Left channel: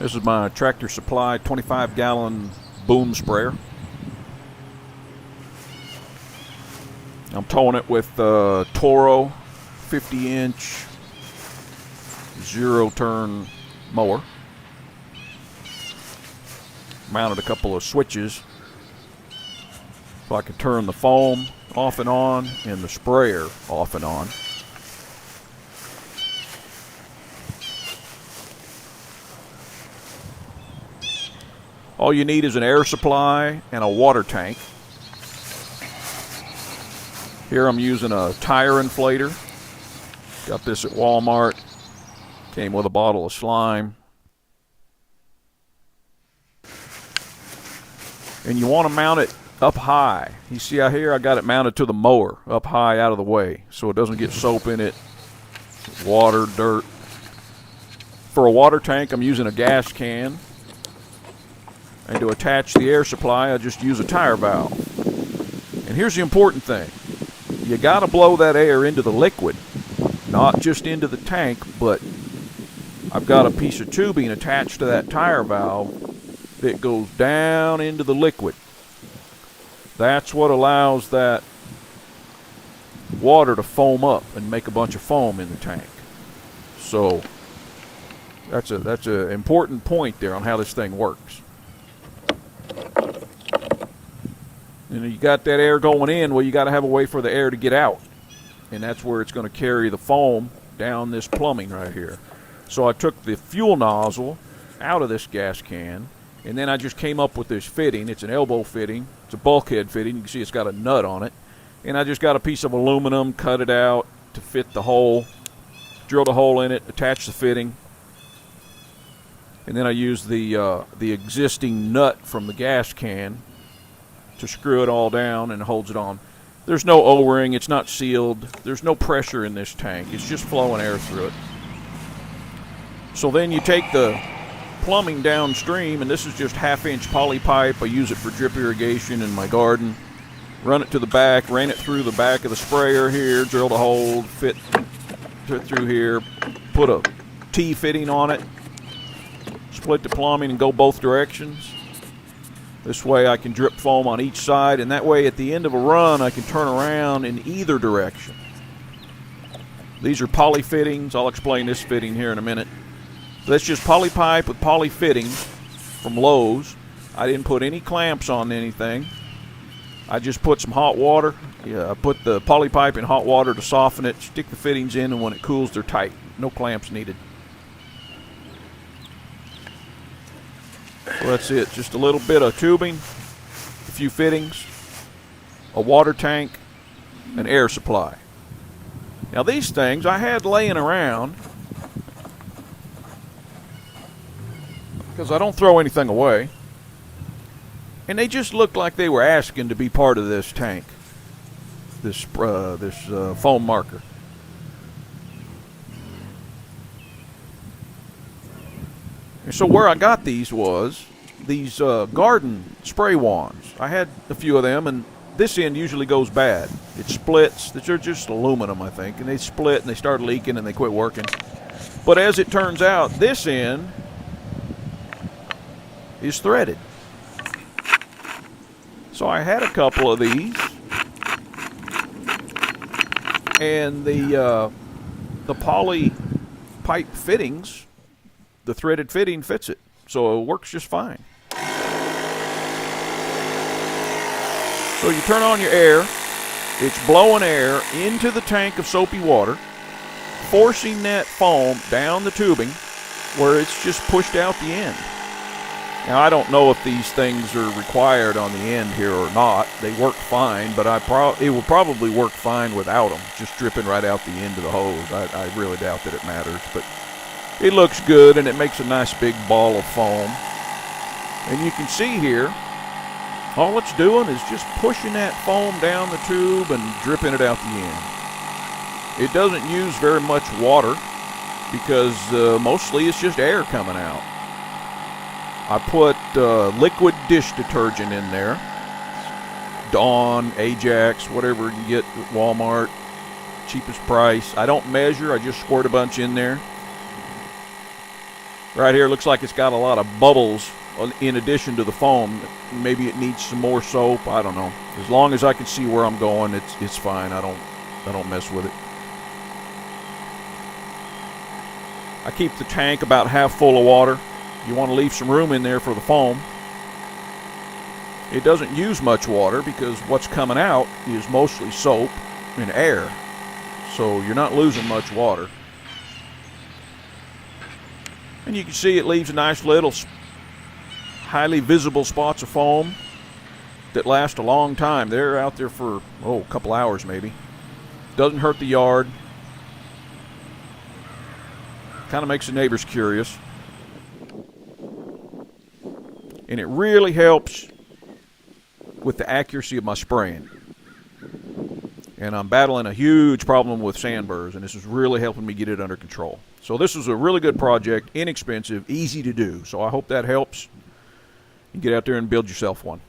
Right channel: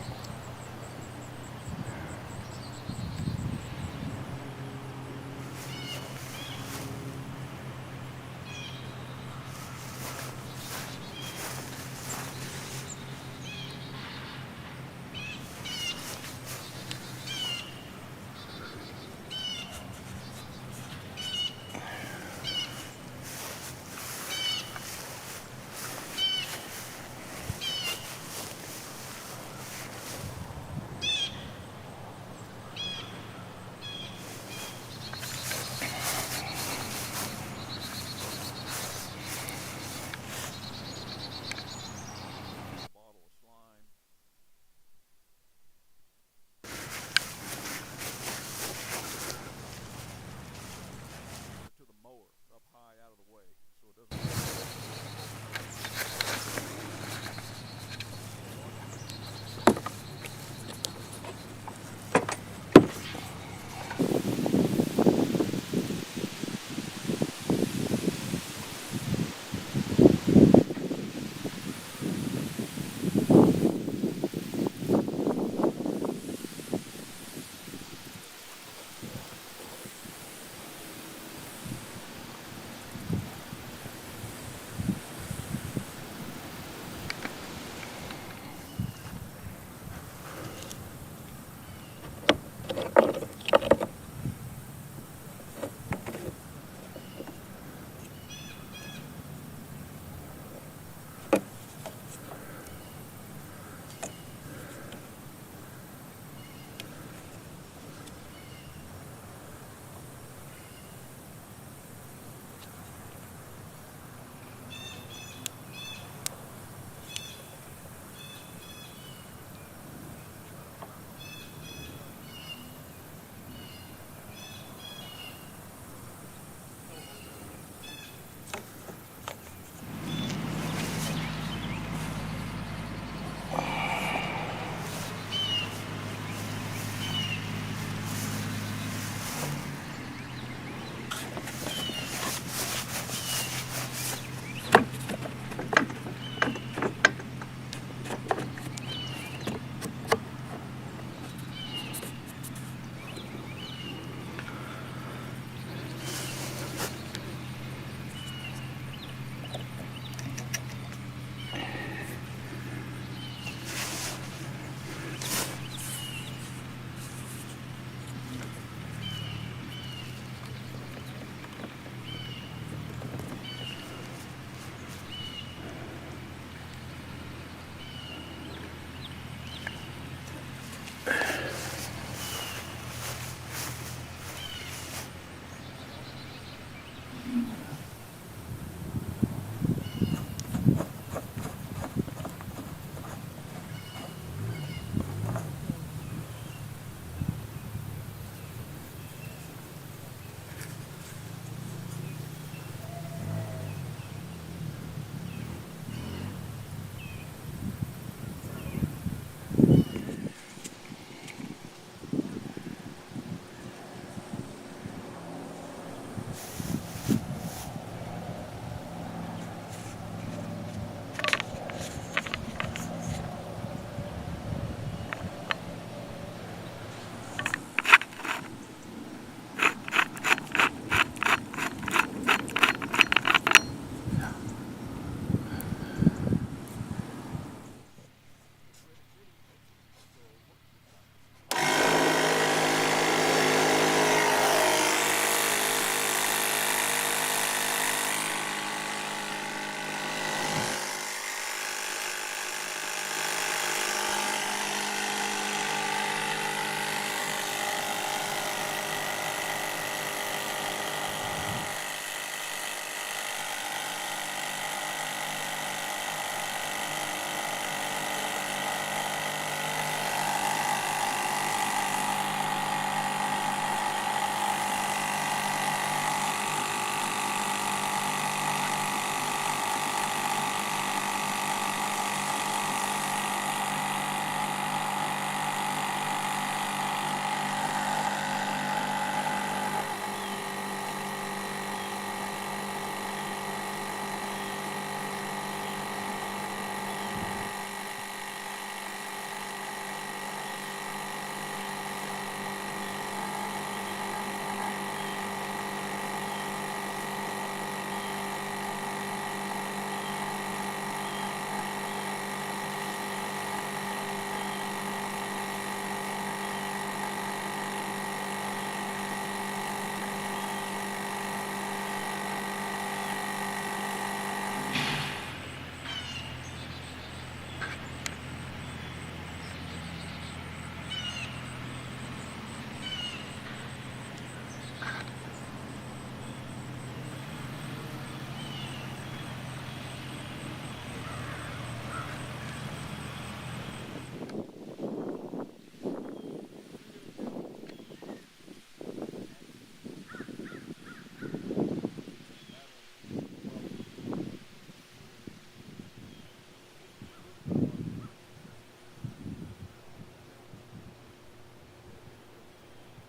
This is my Tractor Supply 25-gallon boom sprayer. I'm towing it with Toro 50-inch zero-turn mower. Mounted a couple of switches so I can turn the foam off and on and the sprayer off and on. All you need is an air supply and a water tank. Here I'm using a tire inflator. Got this at Walmart. Came with a bottle of slime. And you want to mount it up high. You see out here I got it mounted to the mower, up high out of the way, so it doesn't get soap in it, water, dirt. For a water tank I'm using a gas can. And to attach the air supply, I just use a tire valve. And here's the important thing. You got to blow that air into the liquid, not just into the tank, but I've got a piece of tubing attached to that tire valve that goes down into the liquid. That's what allows that water to foam up and make a bunch of foam in the tank. So that's an important point there on how this thing works. And you got that air going in, well, you got to have a way for the air to get out. And that's where it's going to carry the foam down this plumbing right here. So I took the fuel nozzle out of this gas can, and then I just came up with this fitting. It's an elbow fitting. It's a bulkhead fitting. You can see it's got a nut on it. And I just got a piece of aluminum, cut it out to fit the hole, drilled a hole in it, attached the fitting. And then I used the existing nut from the gas can to screw it all down, and it holds it on. There's no O-ring. It's not sealed. There's no pressure in this tank. It's just flowing air through it. So then you take the plumbing downstream, and this is just half-inch poly pipe. I use it for drip irrigation in my garden. Run it to the back, ran it through the back of the sprayer here, drilled a hole, fit through here, put a T-fitting on it, split the plumbing and go both directions. This way I can drip foam on each side, and that way at the end of a run I can turn around in either direction. These are poly fittings. I'll explain this fitting here in a minute. So that's just poly pipe with poly fittings from Lowe's. I didn't put any clamps on anything. I just put some hot water. I put the poly pipe in hot water to soften it, stick the fittings in, and when it cools they're tight. No clamps needed. So that's it, just a little bit of tubing, a few fittings, a water tank, an air supply. Now these things I had laying around because I don't throw anything away, and they just looked like they were asking to be part of this tank, this foam marker. So where I got these was these garden spray wands. I had a few of them, and this end usually goes bad. It splits. They're just aluminum, I think, and they split and they start leaking and they quit working. But as it turns out, this end is threaded. So I had a couple of these, and the poly pipe fittings, the threaded fitting fits it, so it works just fine. So you turn on your air, it's blowing air into the tank of soapy water, forcing that foam down the tubing where it's just pushed out the end. Now I don't know if these things are required on the end here or not. They work fine, but it will probably work fine without them, just dripping right out the end of the hose. I really doubt that it matters, but it looks good, and it makes a nice big ball of foam. And you can see here, all it's doing is just pushing that foam down the tube and dripping it out the end. It doesn't use very much water because mostly it's just air coming out. I put liquid dish detergent in there. Dawn, Ajax, whatever you get at Walmart, cheapest price. I don't measure, I just squirt a bunch in there. Right here looks like it's got a lot of bubbles in addition to the foam. Maybe it needs some more soap. I don't know. As long as I can see where I'm going, it's fine. I don't mess with it. I keep the tank about half full of water. You want to leave some room in there for the foam. It doesn't use much water because what's coming out is mostly soap and air. So you're not losing much water. And you can see it leaves nice little highly visible spots of foam that last a long time. They're out there for, a couple hours maybe. Doesn't hurt the yard. Kind of makes the neighbors curious. And it really helps with the accuracy of my spraying. And I'm battling a huge problem with sandburrs, and this is really helping me get it under control. So this is a really good project, inexpensive, easy to do. So I hope that helps. You get out there and build yourself one.